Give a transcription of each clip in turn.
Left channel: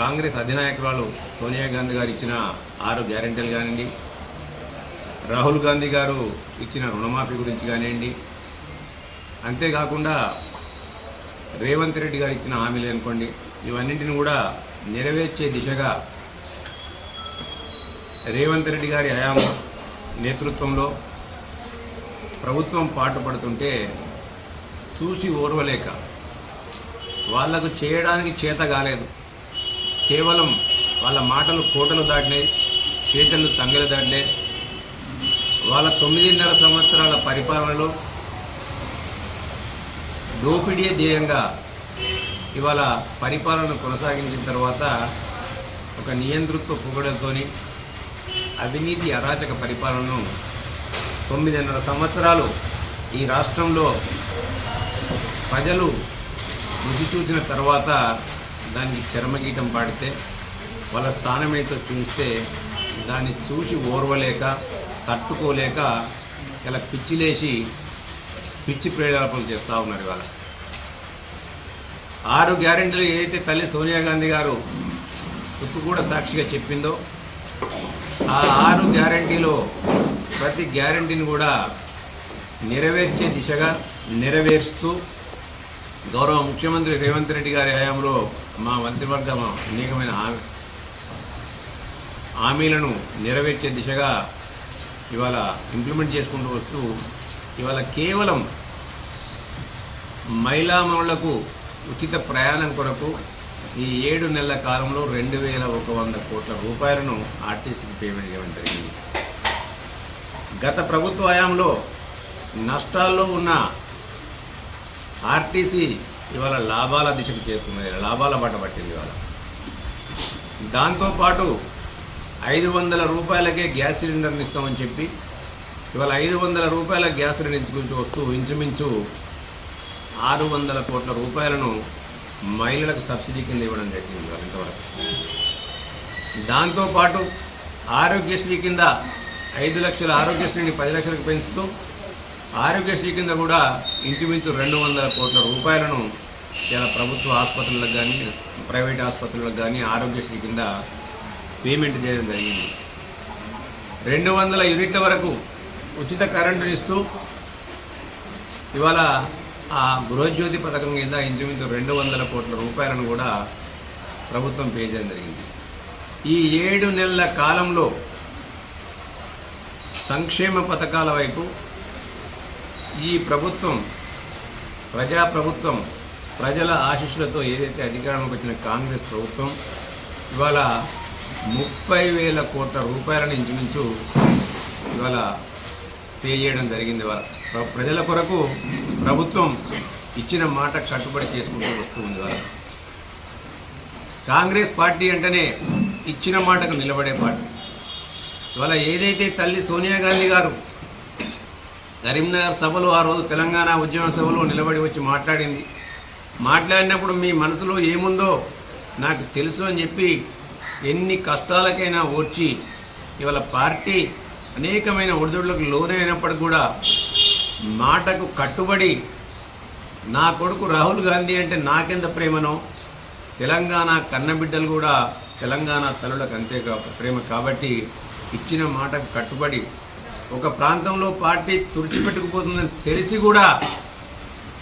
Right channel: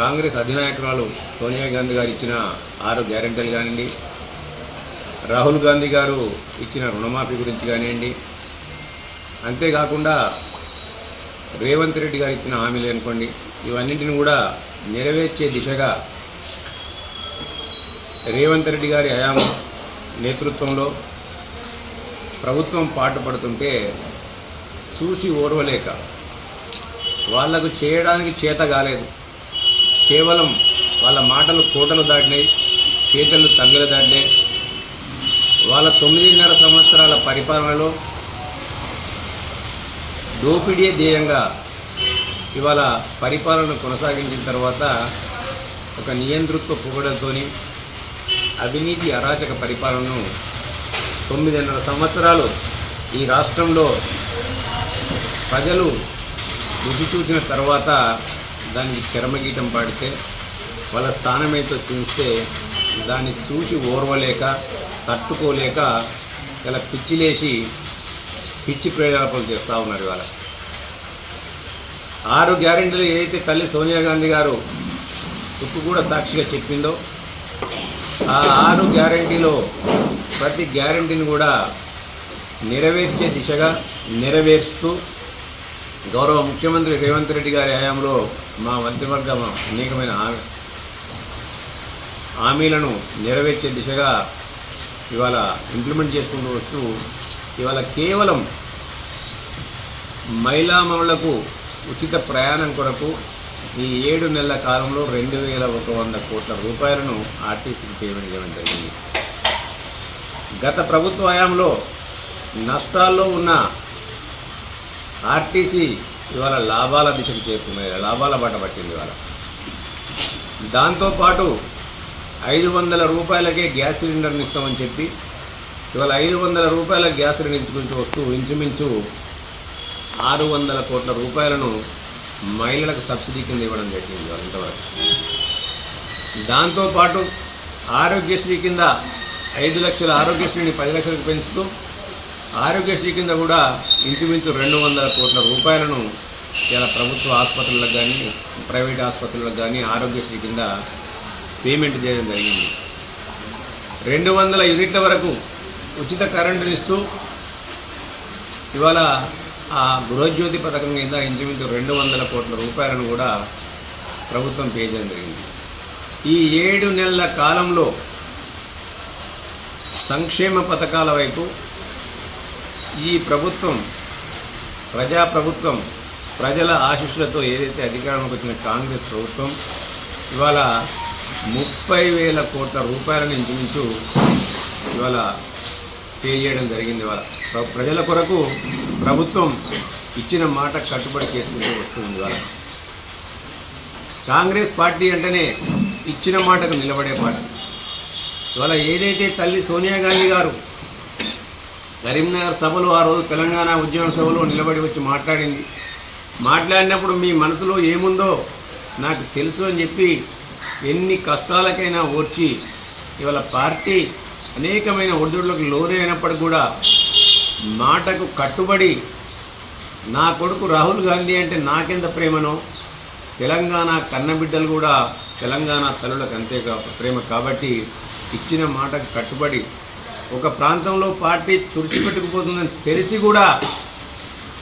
కాంగ్రెస్ అధినాయకురాలు సోనియా గాంధీ గారు ఇచ్చిన 6 గ్యారెంటీలు కానివ్వండి, రాహుల్ గాంధీ గారు ఇచ్చిన రుణమాఫీ గురించి కానివ్వండి, అంతేకాకుండా రేవంత్ రెడ్డి గారు ఇచ్చిన హామీలు అనుకోండి, ఇవన్నింటిని కూడా నెరవేర్చే దిశగా రేవంత్ రెడ్డి గారి హయాం నేతృత్వంలో ప్రభుత్వం పాటుపడుతుంటే చూసి ఓర్వలేక వాళ్లకు చేయడానికి చేత కాలేదు. కేవలం వాళ్ళ మాటలు కోటలు దాటినాయి, చేతలు తంగెలు దాటినాయి. వాళ్ళ 9.5 సంవత్సరాల పరిపాలనలో దోపిడీ ధ్యేయంగా ఇవాళ పరిపాలన కొనసాగించిన తర్వాత ఒక నియంతృత్వ పొగడతోని అవినీతి అరాచక పరిపాలనను 9.5 సంవత్సరాలు ఈ రాష్ట్రంలో ప్రజలు రుచి చూసిన తర్వాత దానికి చరమగీతం పాడితే వాళ్ళ స్థానం ఏంటో చూస్తే దాన్ని చూసి ఓర్వలేక తట్టుకోలేక ఇలా పిచ్చిలేసి పిచ్చి ప్రయోగాలు చేస్తూ ఉన్నారు. ఇవాళ 6 గ్యారెంటీలు ఏదైతే తల్లి సోనియా గాంధీ గారు ఇప్పుడు కూడా సాక్షిగా చెప్పిందో ఆ 6 గ్యారెంటీలో ప్రతి గ్యారెంటీని కూడా నెరవేర్చే దిశగా నెరవేరుస్తూ గౌరవ ముఖ్యమంత్రి రేవంత్ రెడ్డి గారి హయాంలో మా మంత్రివర్గం అనేకమైన హామీలను నెరవేర్చే దిశగా ఇవాళ ఇంప్లిమెంట్ చేసుకుంటూ వస్తూ ఇవాళ కేవలం మహిళలకు ఉచిత ప్రయాణం కొరకు ఈ 7 నెలల కాలంలో 2,100 కోట్ల రూపాయలను ఆర్టీసీకి పేమెంట్ చేయడం జరిగింది. గత ప్రభుత్వ హయాంలో నష్టాల్లో ఉన్న ఆర్టీసీ ఇవాళ లాభాల దిశకు చేరుకున్నాయి, లాభాల బాట పట్టింది. ఇవాళ దాంతోపాటు 500 రూపాయలకే గ్యాస్ సిలిండర్ని ఇస్తామని చెప్పి ఇవాళ 500 రూపాయల గ్యాస్ సిలిండర్ ఇచ్చుకుంటూ వస్తూ ఇంచుమించు 600 కోట్ల రూపాయలను మహిళలకు సబ్సిడీ కింద ఇవ్వడం జరిగింది ఇవాళ ఇంతవరకు. దాంతోపాటు ఆరోగ్యశ్రీ కింద 5 లక్షల ఆరోగ్యశ్రీని 10 లక్షలకు పెంచుతూ ఆరోగ్యశ్రీ కింద కూడా ఇంచుమించు 200 కోట్ల రూపాయలను ఇలా ప్రభుత్వ ఆసుపత్రులకు కానీ ప్రైవేట్ ఆసుపత్రులకు కానీ ఆరోగ్యశ్రీ కింద పేమెంట్ చేయడం జరిగింది. 200 యూనిట్ల వరకు ఉచిత కరెంటుని ఇస్తూ ఇవాళ ఆ గృహజ్యోతి పథకం కింద ఇంచుమించు 200 కోట్ల రూపాయలను కూడా ప్రభుత్వం పే చేయడం జరిగింది. ఈ 7 నెలల కాలంలో సంక్షేమ పథకాల వైపు ఈ ప్రభుత్వం ప్రజాప్రభుత్వం ప్రజల ఆశీస్సులతో ఏదైతే అధికారంలోకి వచ్చిన కాంగ్రెస్ ప్రభుత్వం ఇవాళ 30,000 కోట్ల రూపాయలను ఇంచుమించు ఇవాళ పే చేయడం జరిగింది. ప్రజల కొరకు ప్రభుత్వం ఇచ్చిన మాట కట్టుబడి చేసుకుంటూ వస్తుంది. ఇవాళ కాంగ్రెస్ పార్టీ అంటేనే ఇచ్చిన మాటకు నిలబడే పార్టీ. ఇవాళ ఏదైతే తల్లి సోనియా గాంధీ గారు కరీంనగర్ సభలో ఆ రోజు తెలంగాణ ఉద్యమ సభలో నిలబడి వచ్చి మాట్లాడినప్పుడు మీ మనసులో ఏముందో నాకు తెలుసు అని చెప్పి ఎన్ని కష్టాలకైనా ఓర్చి ఇవాళ పార్టీ అనేకమైన ఒడిదుడులకు లోనైనప్పటికీ కూడా మాటకు కట్టుబడి నా కొడుకు రాహుల్ గాంధీ అంటే నాకెంత ప్రేమనో తెలంగాణ కన్నబిడ్డలు కూడా తెలంగాణ తల్లులకు అంతే ప్రేమ కాబట్టి ఇచ్చిన మాటకు కట్టుబడి ఒక ప్రాంతంలో పార్టీ తుడిచిపెట్టుకుపోతుందని తెలిసి కూడా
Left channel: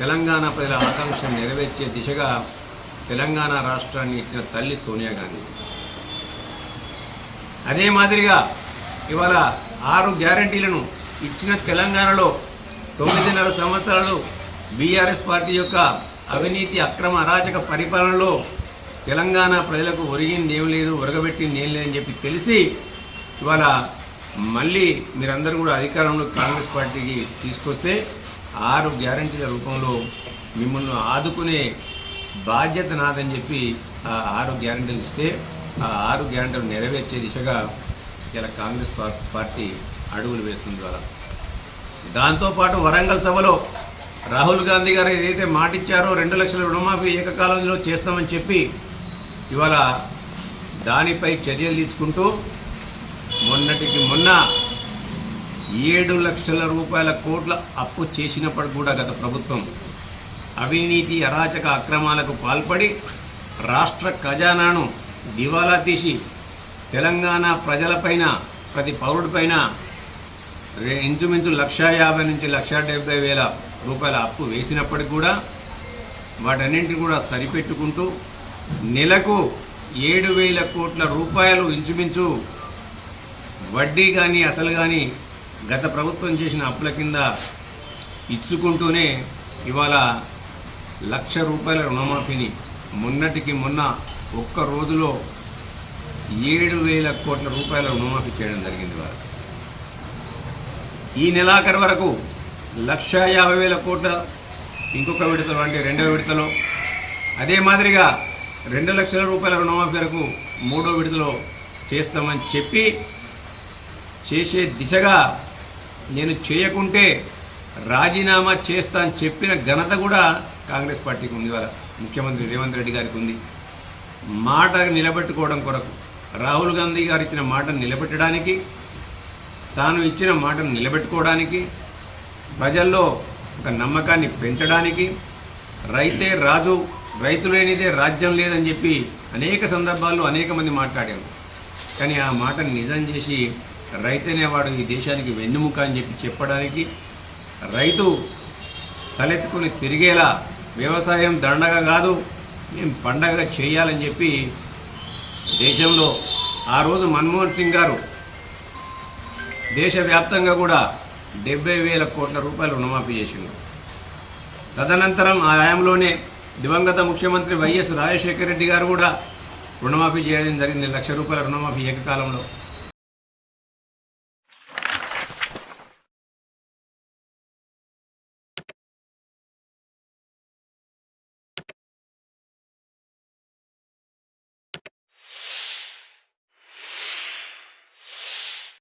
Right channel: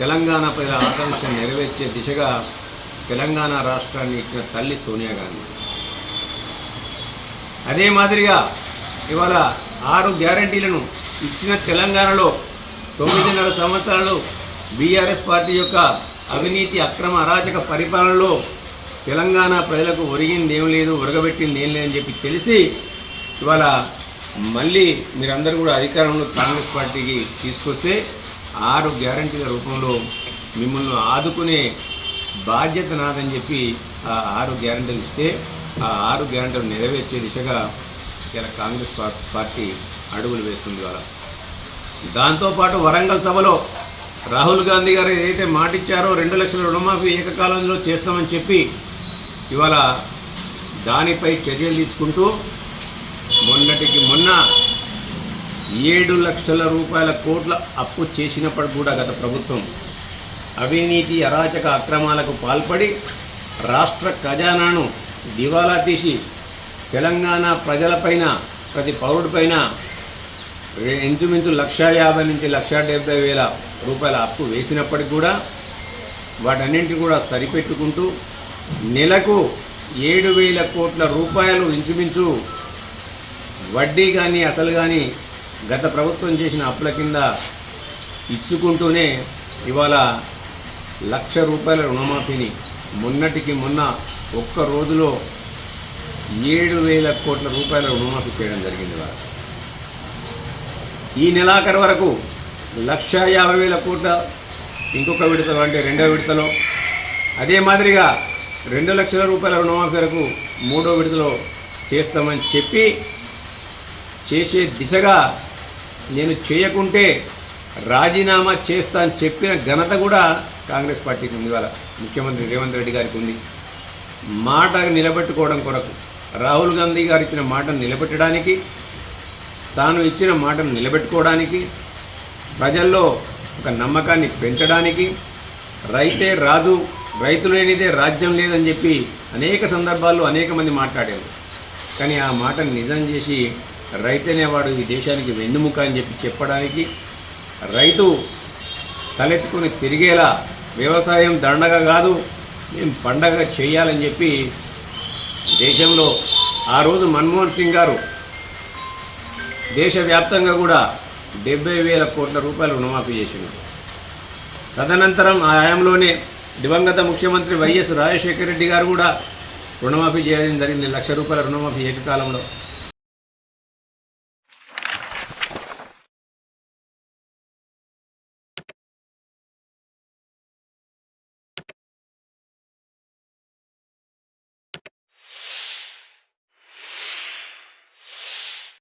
తెలంగాణ ప్రజల ఆకాంక్షను నెరవేర్చే దిశగా తెలంగాణ రాష్ట్రాన్ని ఇచ్చిన తల్లి సోనియా గాంధీ. అదే మాదిరిగా ఇవాళ 6 గ్యారంటీలను ఇచ్చిన తెలంగాణలో 9.5 సంవత్సరాలు బీఆర్ఎస్ పార్టీ యొక్క అవినీతి అక్రమ అరాచక పరిపాలనలో తెలంగాణ ప్రజలకు ఒరిగింది ఏం లేదు, ఒరగబెట్టింది ఏం లేదని చెప్పి తెలిసి ఇవాళ మళ్ళీ మీరందరూ కూడా అధికారంలో కాంగ్రెస్ పార్టీకి తీసుకొస్తే 6 గ్యారంటీల రూపంలో మిమ్మల్ని ఆదుకునే బాధ్యత నాదని చెప్పి ఆ 6 గ్యారంటీలు ఇస్తే ఆ 6 గ్యారంటీలు నెరవేర్చే దిశగా ఇలా కాంగ్రెస్ పార్టీ అడుగులు వేస్తుంది. దాంతోపాటు వరంగల్ సభలో రాహుల్ గాంధీ గారు ఏదైతే మాట ఇచ్చారో 2 లక్షల రుణమాఫీ ఏకకాలంలో చేస్తామని చెప్పి ఇవాళ దానిపై చర్యలు తీసుకుంటూ మొన్నటికి మొన్న 7 లక్షల రూపాయల కోట్ల అప్పు చేసినప్పుడు కూడా గత ప్రభుత్వం అవినీతి అరాచక అక్రమాలకు పాల్పడి రాష్ట్ర ఖజానాను దివాలా తీసి తెలంగాణ ప్రజలపైన ప్రతి పౌరుడిపైన ఇంచుమించు 1,50,000 నుంచి 1,70,000 రూపాయల అప్పు వేసినప్పటికి కూడా వాటన్నింటినీ కూడా సరిపెట్టుకుంటూ నెలకు 7,000 కోట్ల రూపాయలు ఇంచుమించు వడ్డీ కానీ అసలు కానీ గత ప్రభుత్వం చేసిన అప్పుల కింద ఇచ్చుకుంటూనే ఇవాళ 1,00,000 రూపాయల రుణమాఫీని మొన్నటికి మొన్న ఒక్క రోజులో 7,000 కోట్ల రూపాయల రుణమాఫీ చేయడం జరిగింది. ఇవాళ ఈ నెలాఖరు వరకు 1,50,000 కోట్ల ఇంకొక విడతలో అంటే రెండవ విడతలో, అదే మాదిరిగా 2 లక్షల రూపాయల రుణమాఫీ వరకు మూడో విడతలో చేస్తామని చెప్పి చేసే దిశగా నేను చేయకుంటే రాజీనామా చేస్తా అని చెప్పిన ఘనత కూడా కాంగ్రెస్ పార్టీకి ఉంది. వాళ్ళ ముఖ్యమంత్రి రేవంత్ రెడ్డి గారికి ఉంది. మాట నిలబెట్టుకోవడం కొరకు రాహుల్ గాంధీ గారు ఇచ్చిన మాటను నిలబెట్టడానికి, తాను ఇచ్చిన మాటను నిలబెట్టుకోవడానికి, ప్రజల్లో ఒక నమ్మకాన్ని పెంచడానికి, రైతే రాజు రైతు లేనిదే రాజ్యం లేదని చెప్పి అనేక సందర్భాల్లో అనేక మంది మాట్లాడారు. కానీ ఆ మాటను నిజం చేసి రైతనేవాడు ఈ దేశానికి వెన్నెముక అని చెప్పి చెప్పడానికి, రైతు తలెత్తుకుని తిరిగేలా వ్యవసాయం దండగా కాదు మేము పండగ చేయాలని చెప్పి దేశంలో ఆ రోజు మన్మోహన్ సింగ్ గారు దేశవ్యాప్తంగా కూడా 70,000 కోట్ల రూపాయలు రుణమాఫీ చేసింది. తదనంతరం ఆ హయాంలోనే దివంగత ముఖ్యమంత్రి వైఎస్ రాజశేఖర రెడ్డి గారు కూడా రుణమాఫీ చేయడం జరిగింది. 1,00,000 రూపాయల రుణమాఫీ ఏకకాలంలో.